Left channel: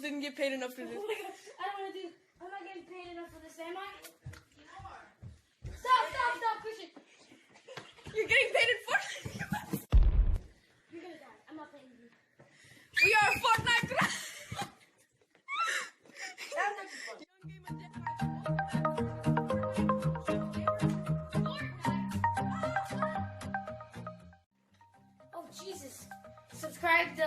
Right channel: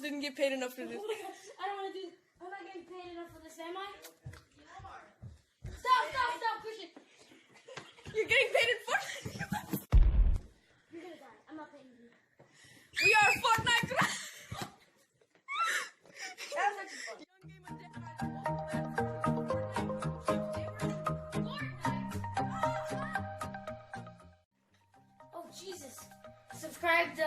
else didn't get paid enough for this. Oh my God. I don't want to do. I'm not getting paid enough for this, am I? Stop, Christian. You're getting paid in Fortnite. You're gonna die. I'm not paying you. We are Fortnite. That's actually fun. Young game of death match. Oh Jesus! Subscribe to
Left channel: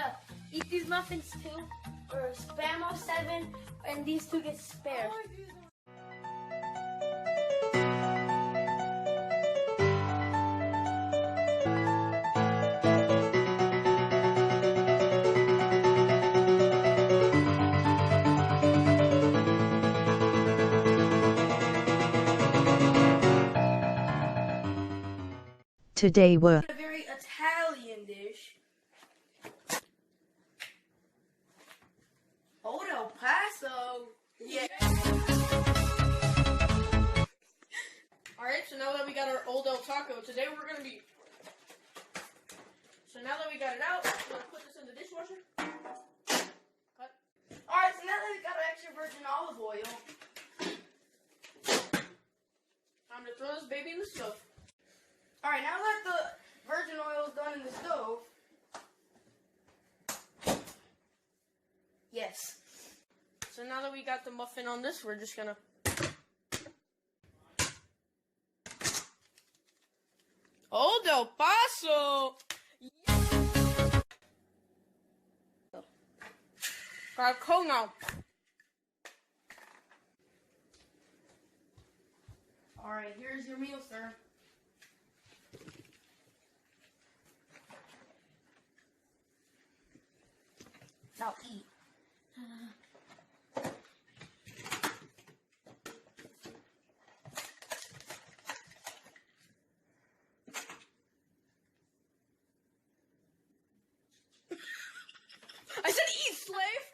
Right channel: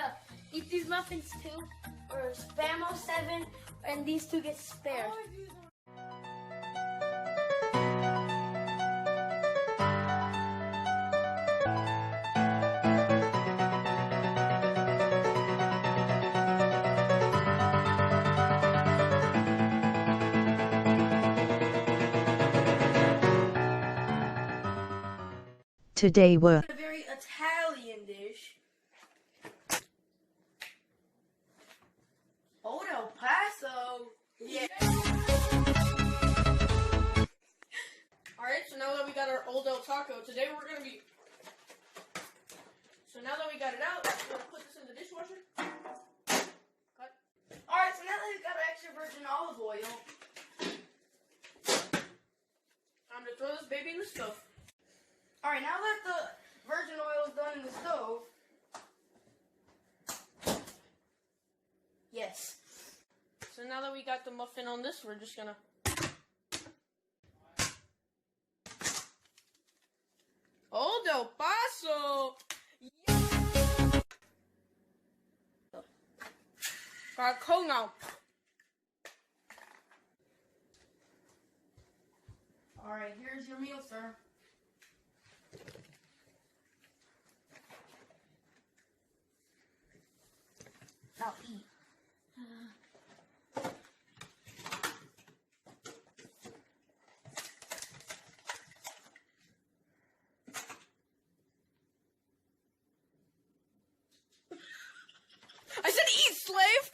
Eat These Muffins too, or Spamo7, and these two get spared. Today we're A very Italian dish. Old El Paso. Yeah. Alright, so now that we got our Old El Taco, today we're gonna be. So now that we got it out, we're gonna put this in the dishwasher. Cut. Alright, so now that we got our extra virgin olive oil, time to throw this baby in the stove. Alright, now that the virgin oil is done in the stove. Yes. So now that we got the muffin on this, we're just gonna. Old El Paso! Got cold now. Alright, here's your meal, sir. Now eat. I said eat, slave!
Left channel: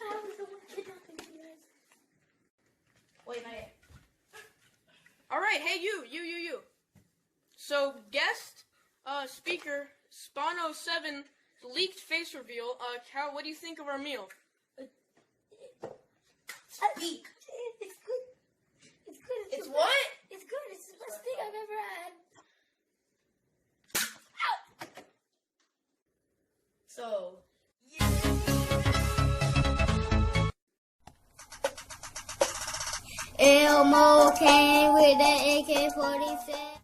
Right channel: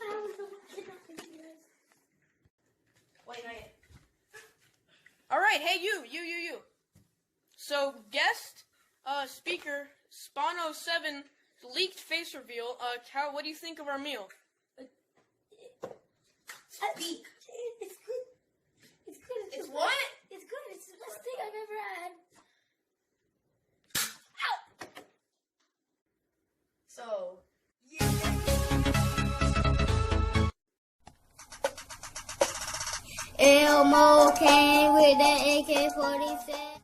I was the one kidnapping you guys. Wait, not yet. Alright, hey you. So, guest speaker, Spano7, leaked face reveal. Cal, what do you think of our meal? Speak. It's good. It's good. It's what? It's good. It's the best thing I've ever had. Ow! So, Elmo came with the AK-47.